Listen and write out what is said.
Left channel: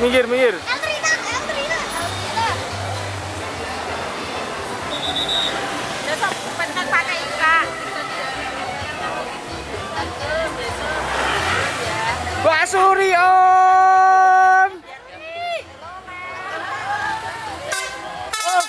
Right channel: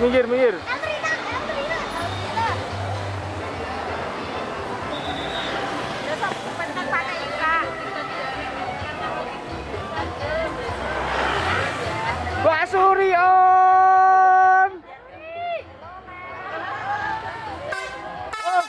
Minggir, minggir. Eltrina. Besok pengen pakai Ika. Pak Suri Om. Oh.